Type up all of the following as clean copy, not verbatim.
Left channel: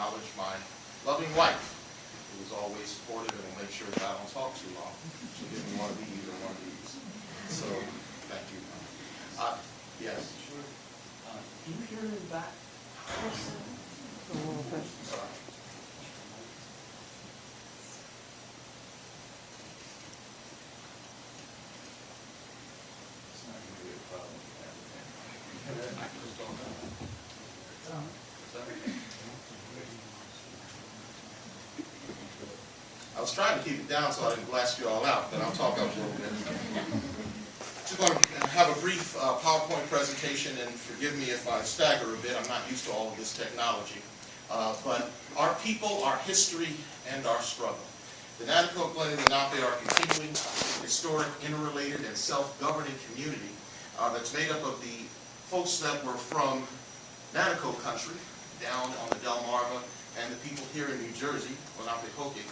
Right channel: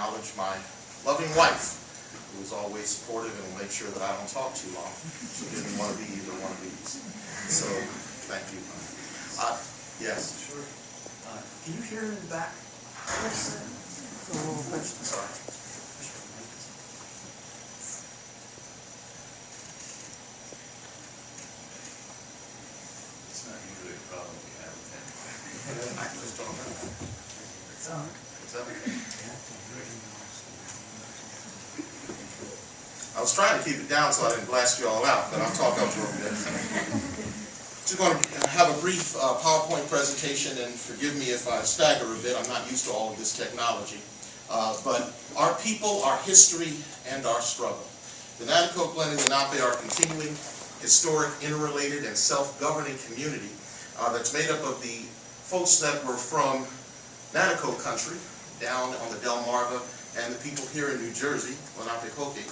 acknowledge my loving wife, who is always supportive and will make sure that I don't talk too long. She didn't want to be either one of these. So, thank you. Yes? Sure. Can you hear in the back? Yes, sir. A little bit. Sorry. It's not usually a problem you have with that. I just don't know. It's all right. It's everything. I was trying to keep it down so I didn't blast you all out, but I'll talk up for a minute. Just going to have a brief PowerPoint presentation, and forgive me if I stagger a bit. I'm not used to all of this technology. But our people, our history, and our struggle. The Nanticoke Lenni-Lenape are a continuing, historic, interrelated, and self-governing community that's made up of the folks that were from Nanticoke country, down on the Delmarva, and the people here in New Jersey, Lenape-Hokie.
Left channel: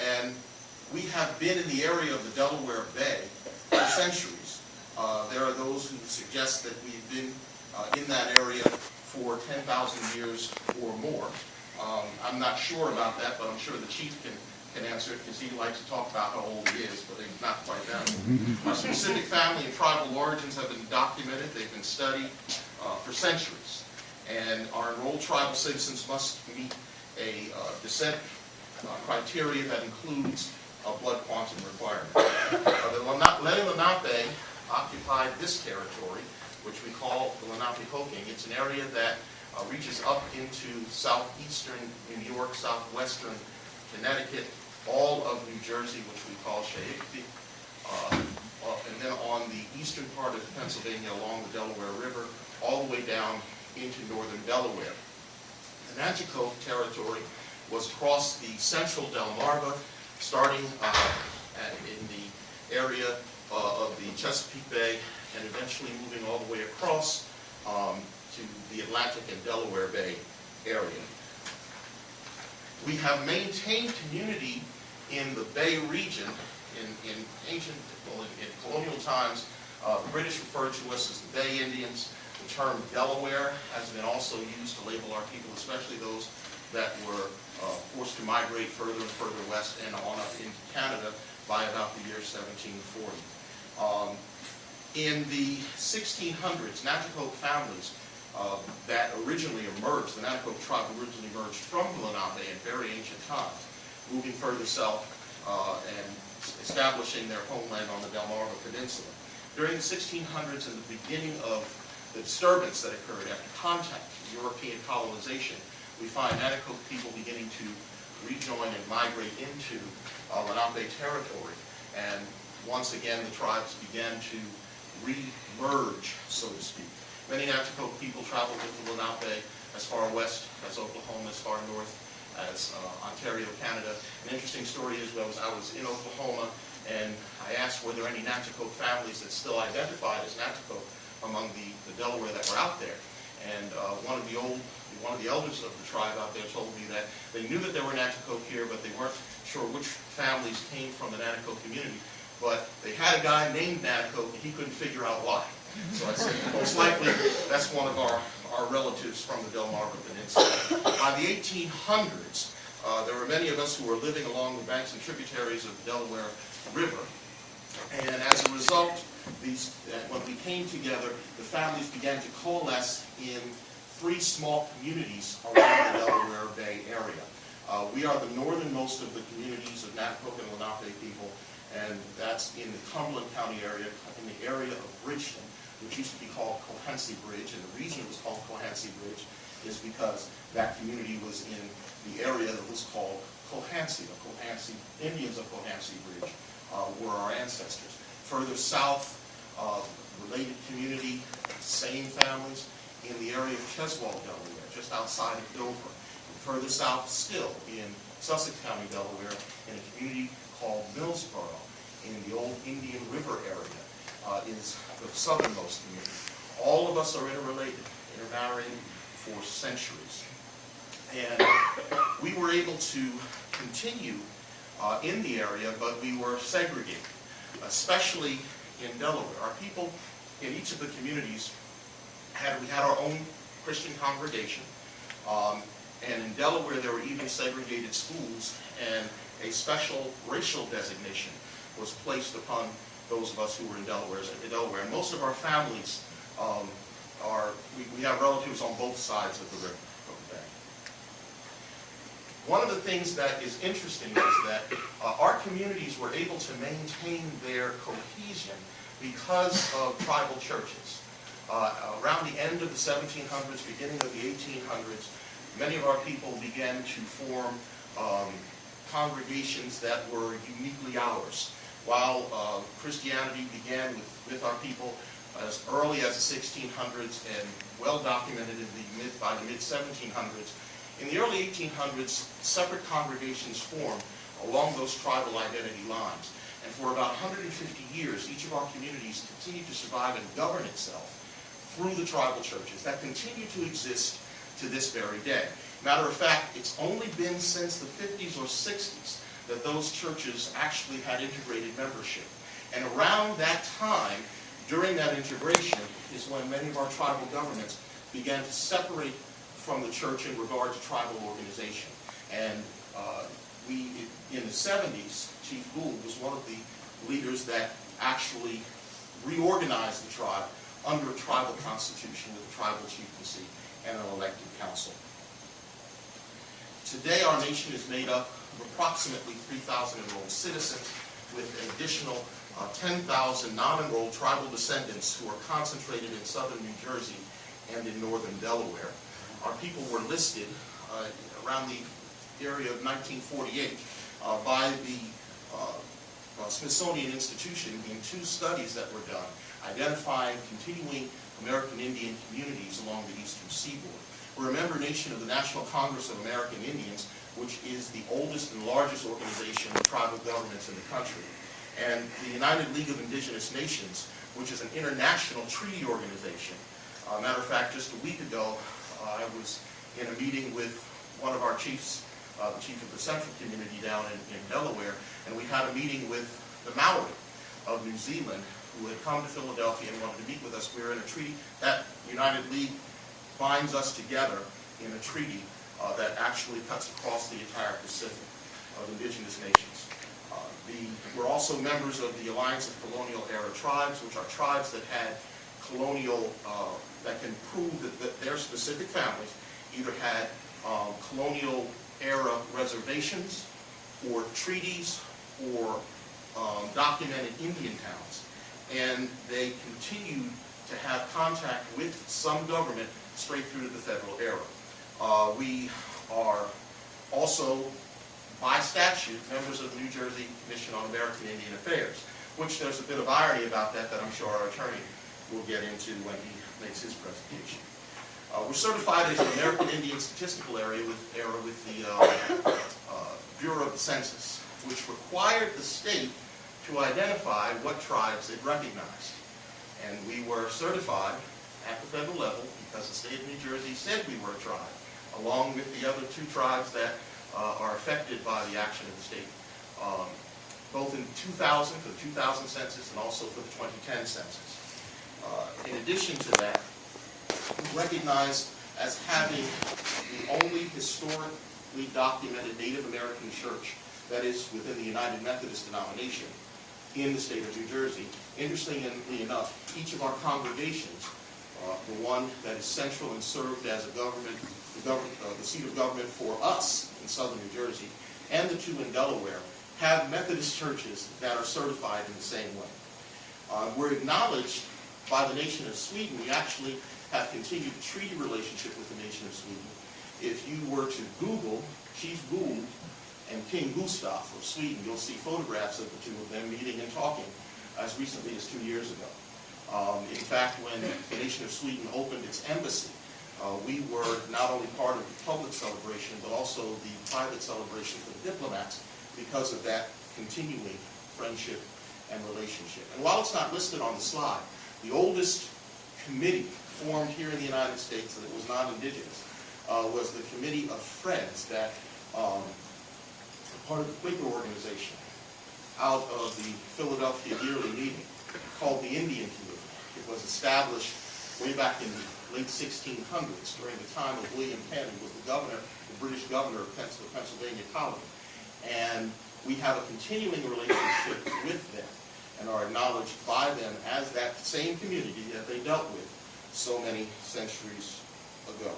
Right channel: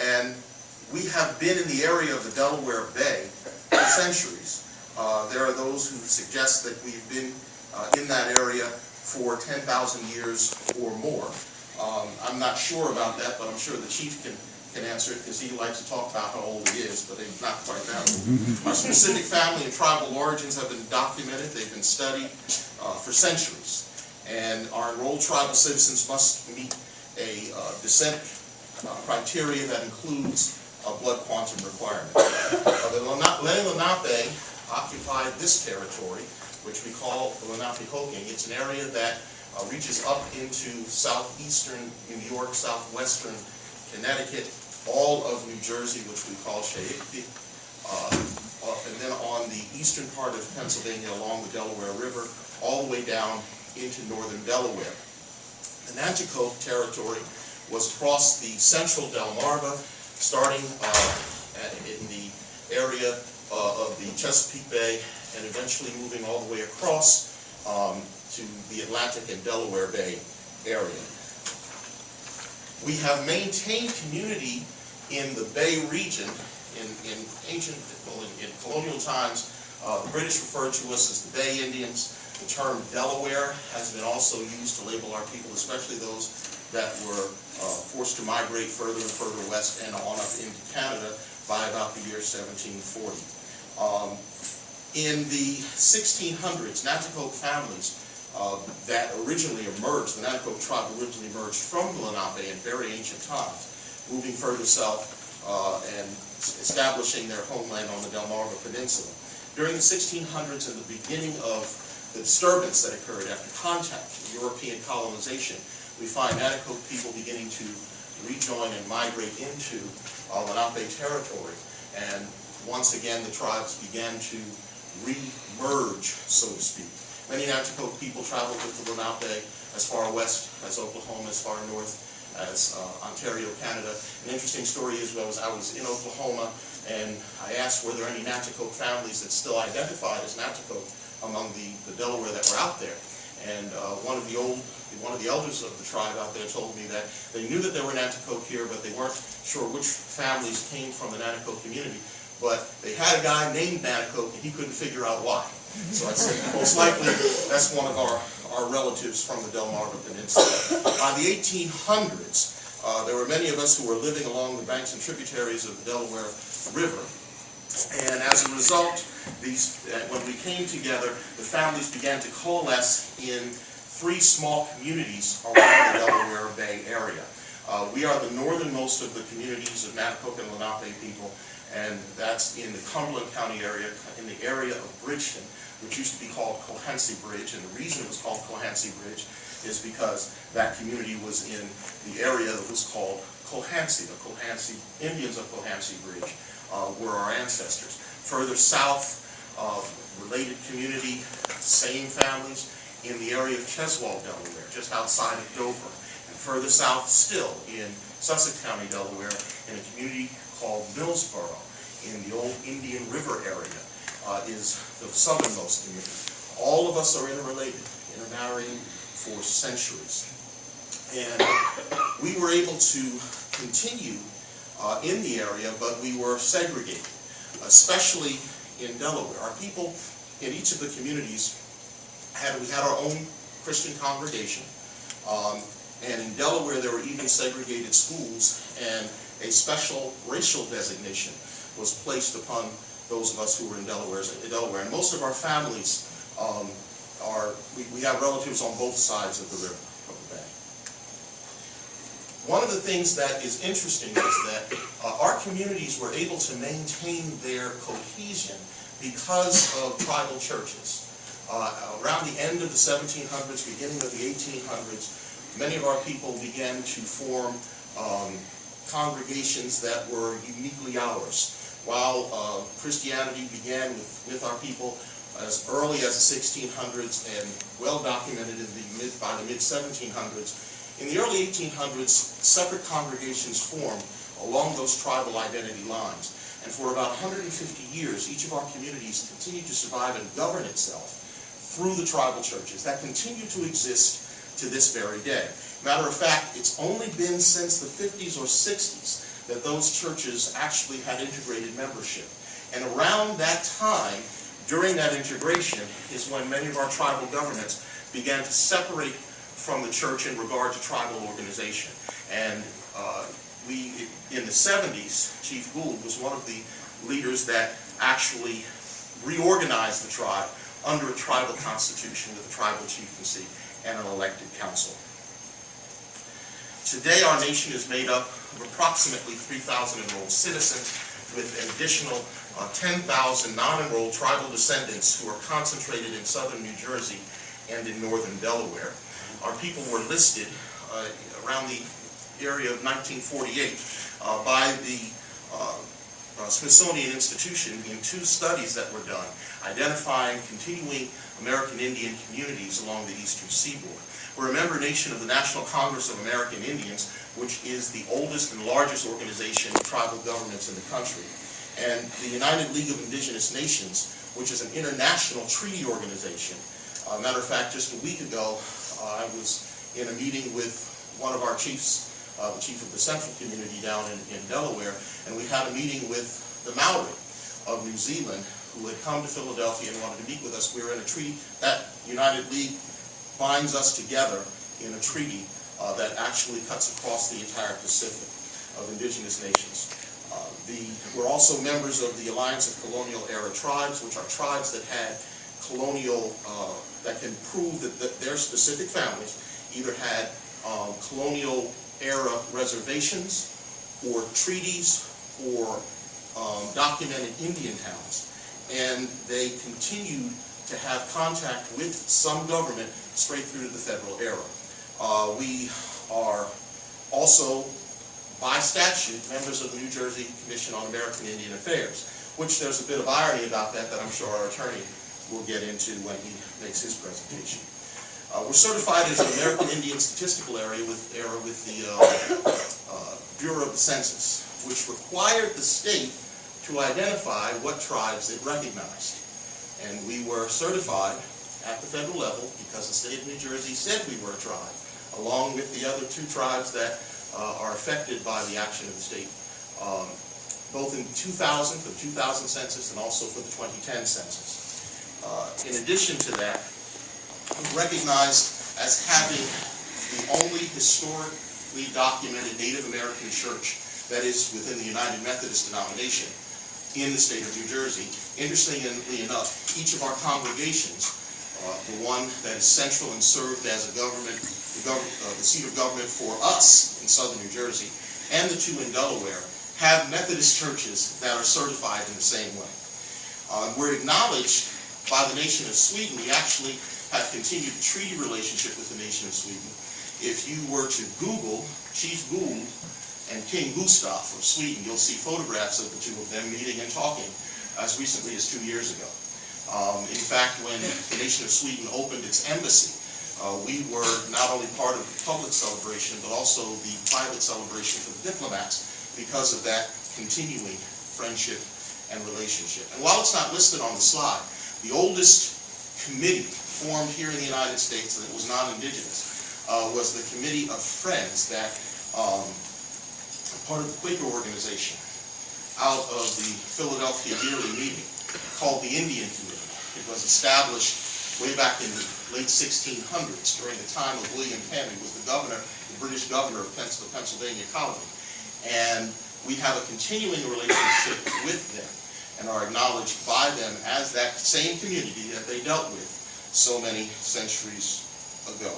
And we have been in the area of the Delaware Bay for centuries. There are those who suggest that we've been in that area for 10,000 years or more. I'm not sure about that, but I'm sure the chief can answer it, because he likes to talk about how old he is, but he's not quite that old. Our specific family and tribal origins have been documented. They've been studied for centuries. And our enrolled tribal citizens must meet a descent criteria that includes a blood quantum requirement. The Lenni-Lenape occupied this territory, which we call the Lenape-Hokie. It's an area that reaches up into southeastern New York, southwestern Connecticut, all of New Jersey, which we call Shaikti, and then on the eastern part of Pennsylvania along the Delaware River, all the way down into northern Delaware. The Nanticoke territory was across the central Delmarva, starting in the area of the Chesapeake Bay, and eventually moving all the way across to the Atlantic and Delaware Bay area. We have maintained community in the Bay region. In colonial times, the British referred to us as the Bay Indians. The term Delaware has been also used to label our people, especially those that were forced to migrate further and further west and on up into Canada by about the year 1740. In the 1600s, Nanticoke families that originally emerged, the Nanticoke tribe originally emerged from the Lenape in very ancient times, moving further south and establishing their homeland on the Delmarva Peninsula. During the 1600s and the beginning of the disturbance that occurred after contact, European colonization, we find Nanticoke people beginning to rejoin and migrate into Lenape territory. And once again, the tribes began to re-merge, so to speak. Many Nanticoke people traveled with the Lenape as far west as Oklahoma, as far north as Ontario, Canada. An interesting story is I was in Oklahoma, and I asked were there any Nanticoke families that still identified as Nanticoke among the Delaware that were out there. And one of the elders of the tribe out there told me that they knew that there were Nanticoke here, but they weren't sure which families came from the Nanticoke community. But they had a guy named Nanticoke, and he couldn't figure out why. So I said, most likely, that's one of our relatives from the Delmarva Peninsula. By the 1800s, there were many of us who were living along the banks and tributaries of the Delaware River. And as a result, when we came together, the families began to coalesce in 3 small communities around the Delaware Bay area. We are the northernmost of the communities of Nanticoke and Lenape people, and that's in the Cumberland County area, in the area of Bridgeton, which used to be called Cohansey Bridge. And the reason it was called Cohansey Bridge is because that community was in the area that was called Cohansey. The Cohansey Indians of Cohansey Bridge were our ancestors. Further south, related community, same families, in the area of Cheswold, Delaware, just outside of Dover. And further south still, in Sussex County, Delaware, in a community called Millsboro, in the old Indian River area, is the southernmost community. All of us are interrelated, intermarrying for centuries. And we were able to continue in the area, but we were segregated, especially in Delaware. Our people in each of the communities we had our own Christian congregation. And in Delaware, there were even segregated schools, and a special racial designation was placed upon those of us who were in Delaware. And most of our families we have relatives on both sides of the river, of the bay. One of the things that is interesting is that our communities were able to maintain their cohesion because of tribal churches. Around the end of the 1700s, beginning of the 1800s, many of our people began to form congregations that were uniquely ours. While Christianity began with our people as early as the 1600s and well documented by the mid-1700s, in the early 1800s, separate congregations formed along those tribal identity lines. And for about 150 years, each of our communities continued to survive and govern itself through the tribal churches that continue to exist to this very day. Matter of fact, it's only been since the 50s or 60s that those churches actually had integrated membership. And around that time, during that integration, is when many of our tribal governments began to separate from the church in regard to tribal organization. And in the 70s, Chief Gould was one of the leaders that actually reorganized the tribe under a tribal constitution with a tribal chieftaincy and an elected council. Today, our nation is made up of approximately 3,000 enrolled citizens with an additional 10,000 non-enrolled tribal descendants who are concentrated in southern New Jersey and in northern Delaware. Our people were listed around the area of 1948 by the Smithsonian Institution in two studies that were done, identifying continuing American Indian communities along the eastern seaboard. We're a member nation of the National Congress of American Indians, which is the oldest and largest organization of tribal governments in the country, and the United League of Indigenous Nations, which is an international treaty organization. Matter of fact, just a week ago, I was in a meeting with one of our chiefs, the chief of the Central Community down in Delaware, and we had a meeting with the Maori of New Zealand who had come to Philadelphia and wanted to meet with us. We were in a treaty. That United League binds us together in a treaty that actually cuts across the entire Pacific of indigenous nations. We're also members of the Alliance of Colonial Era Tribes, which are tribes that had colonial, that can prove that their specific families either had colonial era reservations or treaties or documented Indian towns. And they continued to have contact with some government straight through to the federal era. We are also, by statute, members of the New Jersey Commission on American Indian Affairs, which there's a bit of irony about that I'm sure our attorney will get into when he makes his presentation. We're certified as an American Indian Statistical Area with the Bureau of the Census, which required the state to identify what tribes it recognized. And we were certified at the federal level because the state of New Jersey said we were a tribe, along with the other two tribes that are affected by the action of the state, both in 2000 for the 2000 census and also for the 2010 census. In addition to that, we're recognized as having the only historically documented Native American church that is within the United Methodist denomination in the state of New Jersey. Interestingly enough, each of our congregations, the one that is central and served as a government, the seat of government for us in southern New Jersey, and the two in Delaware, have Methodist churches that are certified in the same way. We're acknowledged by the nation of Sweden. We actually have continued a treaty relationship with the nation of Sweden. If you were to Google Chief Gould and King Gustaf of Sweden, you'll see photographs of the two of them meeting and talking as recently as 2 years ago. In fact, when the nation of Sweden opened its embassy, we were not only part of the public celebration, but also the private celebration for the diplomats because of that continuing friendship and relationship. And while it's not listed on the slide, the oldest committee formed here in the United States that was non-indigenous was the Committee of Friends that part of the Quaker organization out of the Philadelphia yearly meeting called the Indian Committee. It was established way back in the late 1600s, during the time of William Penn, who was the British governor of the Pennsylvania colony. And we have a continuing relationship with them and are acknowledged by them as that same community that they dealt with so many centuries ago.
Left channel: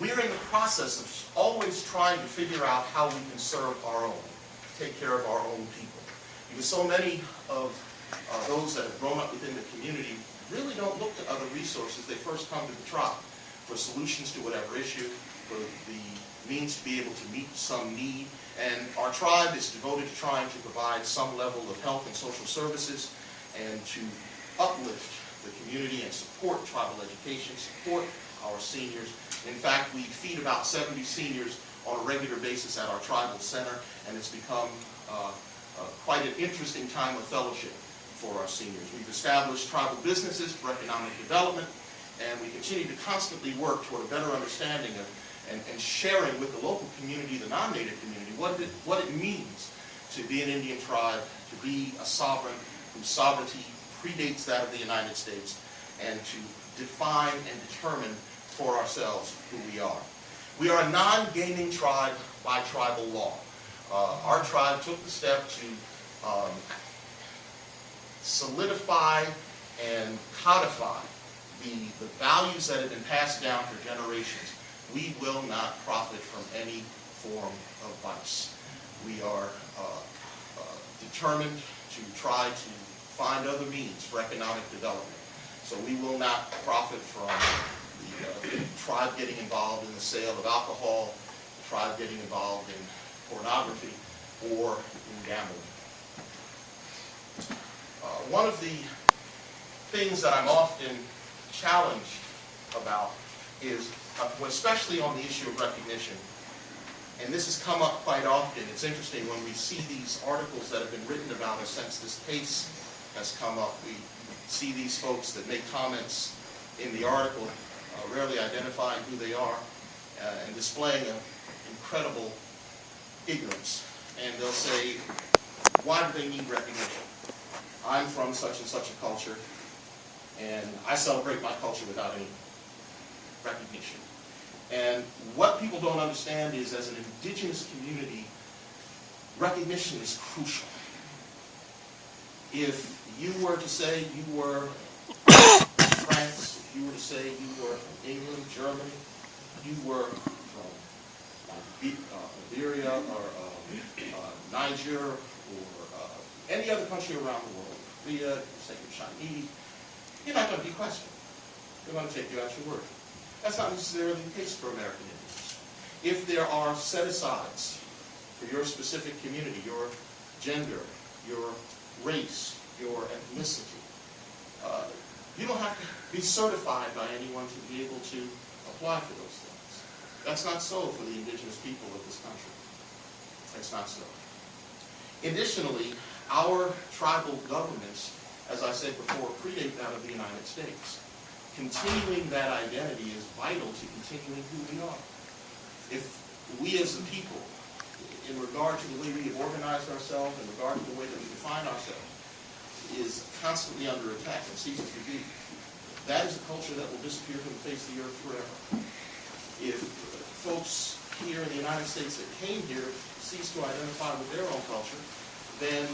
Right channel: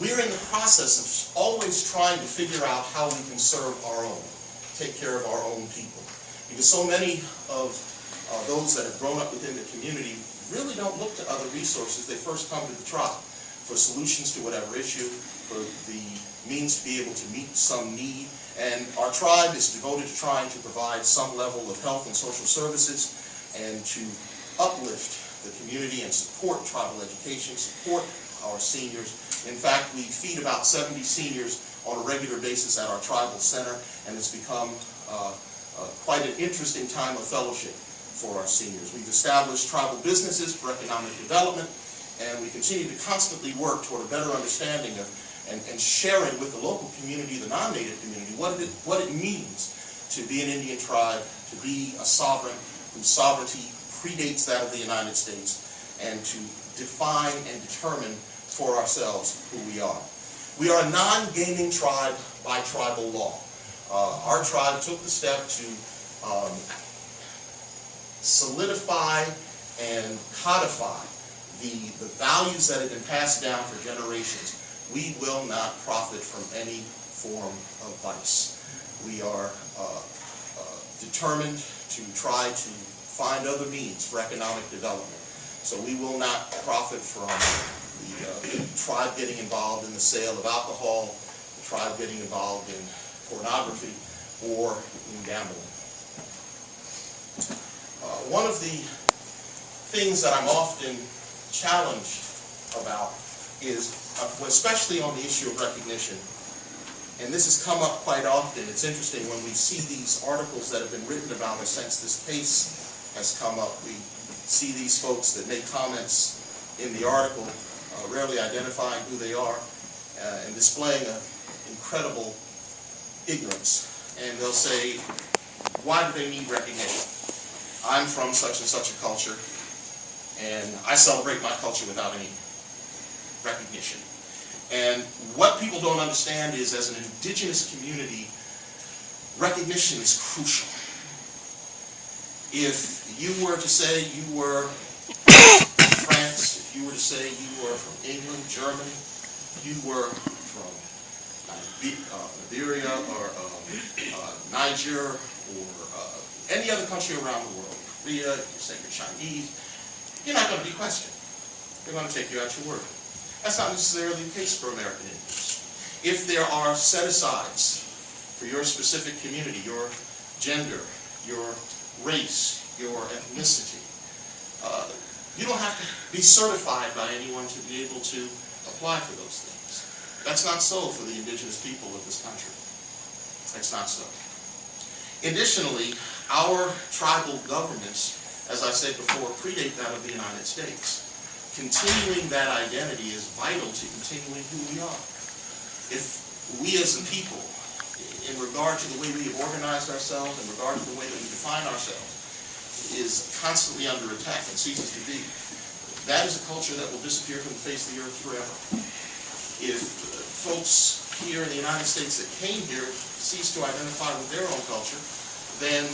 We're in the process of always trying to figure out how we can serve our own, take care of our own people. Because so many of those that have grown up within the community really don't look to other resources. They first come to the tribe for solutions to whatever issue, for the means to be able to meet some need. And our tribe is devoted to trying to provide some level of health and social services and to uplift the community and support tribal education, support our seniors. In fact, we feed about 70 seniors on a regular basis at our tribal center, and it's become quite an interesting time of fellowship for our seniors. We've established tribal businesses for economic development, and we continue to constantly work toward a better understanding of and sharing with the local community, the non-native community, what it means to be an Indian tribe, to be a sovereign whose sovereignty predates that of the United States, and to define and determine for ourselves who we are. We are a non-gaming tribe by tribal law. Our tribe took the step to solidify and codify the values that have been passed down for generations. We will not profit from any form of vice. We are determined to try to find other means for economic development. So we will not profit from the tribe getting involved in the sale of alcohol, the tribe getting involved in pornography, or in gambling. One of the things that I'm often challenged about is, especially on the issue of recognition, and this has come up quite often. It's interesting when we see these articles that have been written about us since this case has come up. We see these folks that make comments in the article, rarely identifying who they are, and displaying an incredible ignorance. And they'll say, why do they need recognition? I'm from such and such a culture, and I celebrate my culture without any recognition. And what people don't understand is, as an indigenous community, recognition is crucial. If you were to say you were from France, if you were to say you were from England, Germany, you were from Liberia or Niger or any other country around the world, Korea, you say you're Chinese, you're not going to be questioned. They're going to take you at your word. That's not necessarily the case for American Indians. If there are set-asides for your specific community, your gender, your race, your ethnicity, you don't have to be certified by anyone to be able to apply for those things. That's not so for the indigenous people of this country. That's not so. Additionally, our tribal governments, as I said before, predate that of the United States. Continuing that identity is vital to continuing who we are. If we as a people, in regard to the way we have organized ourselves, in regard to the way that we define ourselves, is constantly under attack and ceases to be, that is a culture that will disappear from the face of the earth forever. If folks here in the United States that came here cease to identify with their own culture, then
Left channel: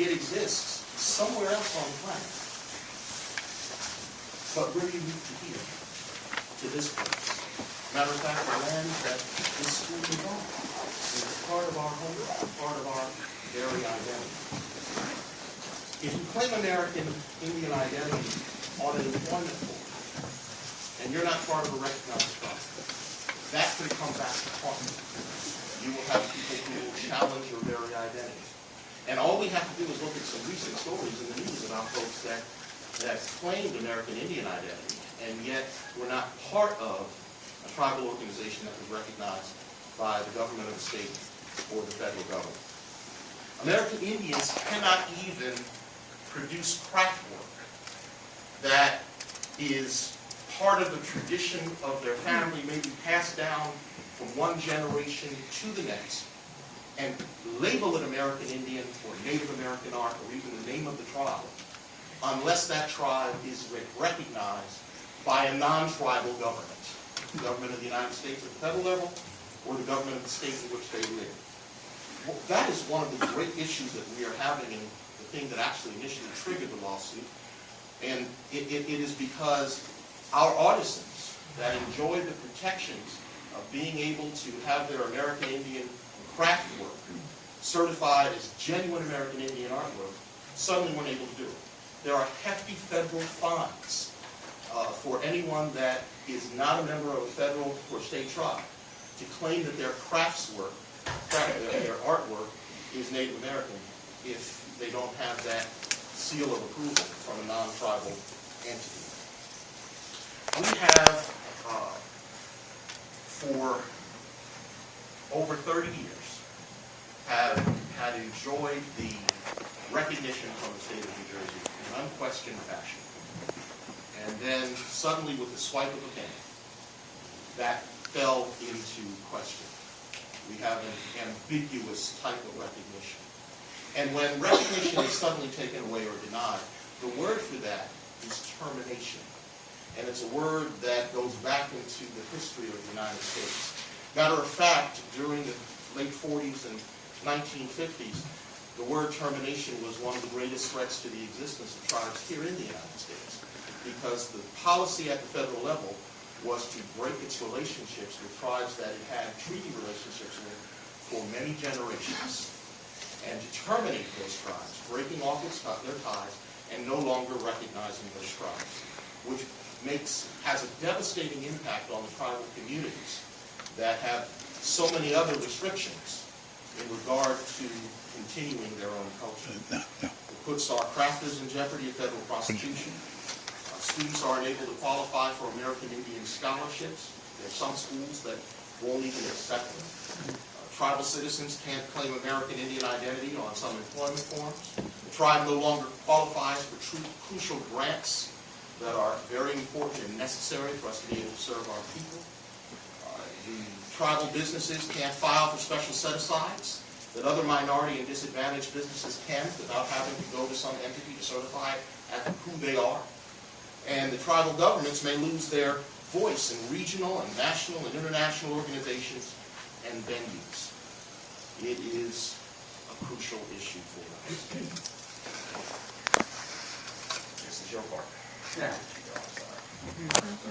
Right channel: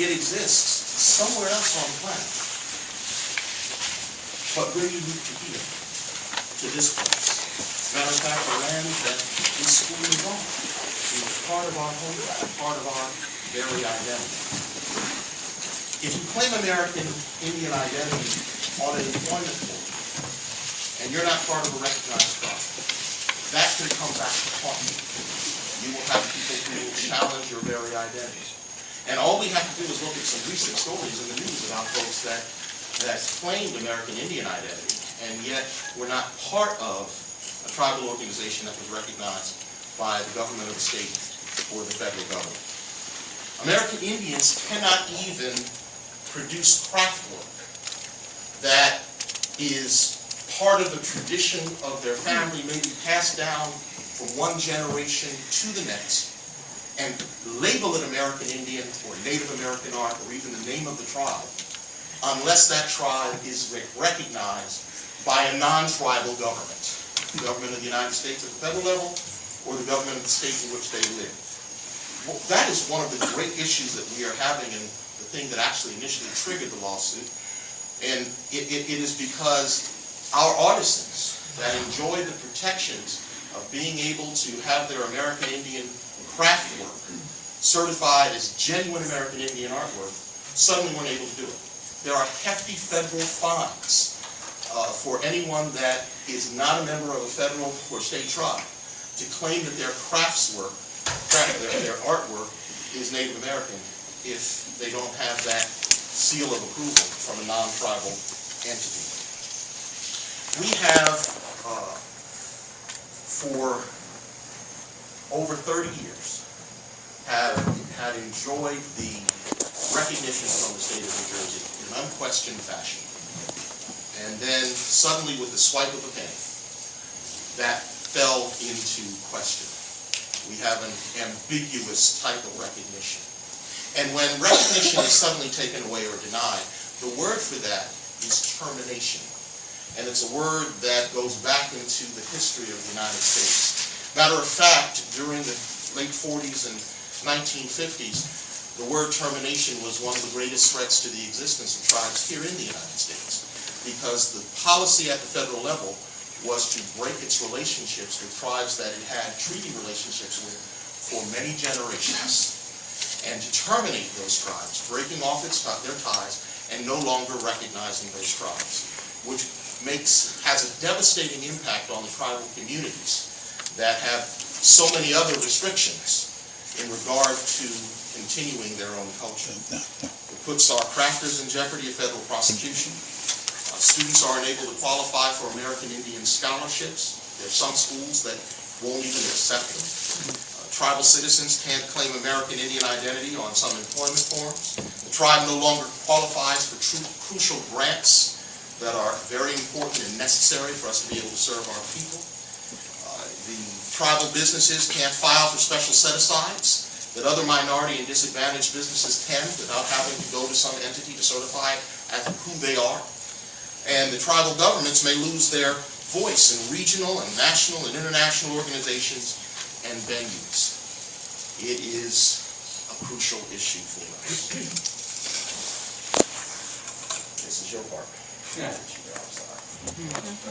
it exists somewhere else on the planet. But we're unique to here, to this place. Matter of fact, the land that this school is on is part of our home, part of our very identity. If you claim American Indian identity on an employment form, and you're not part of a recognized tribe, that can come back to haunt you. You will have people who will challenge your very identity. And all we have to do is look at some recent stories in the news about folks that claimed American Indian identity, and yet were not part of a tribal organization that was recognized by the government of the state or the federal government. American Indians cannot even produce craft work that is part of the tradition of their family, maybe passed down from one generation to the next, and label it American Indian or Native American art or even the name of the tribe, unless that tribe is recognized by a non-tribal government, the government of the United States at the federal level, or the government of the state in which they live. Well, that is one of the great issues that we are having, and the thing that actually initially triggered the lawsuit. And it is because our artisans that enjoy the protections of being able to have their American Indian craft work certified as genuine American Indian artwork suddenly weren't able to do it. There are hefty federal fines for anyone that is not a member of a federal or state tribe to claim that their craftswork, their artwork, is Native American if they don't have that seal of approval from a non-tribal entity. We have, for over 30 years, had enjoyed the recognition from the state of New Jersey in an unquestioned fashion. And then suddenly, with the swipe of a pen, that fell into question. We have an ambiguous type of recognition. And when recognition is suddenly taken away or denied, the word for that is termination. And it's a word that goes back into the history of the United States. Matter of fact, during the late 40s and 1950s, the word termination was one of the greatest threats to the existence of tribes here in the United States, because the policy at the federal level was to break its relationships with tribes that it had treaty relationships with for many generations, and to terminate those tribes, breaking off their ties and no longer recognizing those tribes, which has a devastating impact on the tribal communities that have so many other restrictions in regard to continuing their own culture. It puts our crafters in jeopardy of federal prosecution. Students are unable to qualify for American Indian scholarships. There are some schools that won't even accept them. Tribal citizens can't claim American Indian identity on some employment forms. The tribe no longer qualifies for crucial grants that are very important and necessary for us to be able to serve our people. The tribal businesses can't file for special set-asides that other minority and disadvantaged businesses can without having to go to some entity to certify as to who they are. And the tribal governments may lose their voice in regional and national and international organizations and venues. It is a crucial issue for us. This is your part. Yeah. I'm sorry.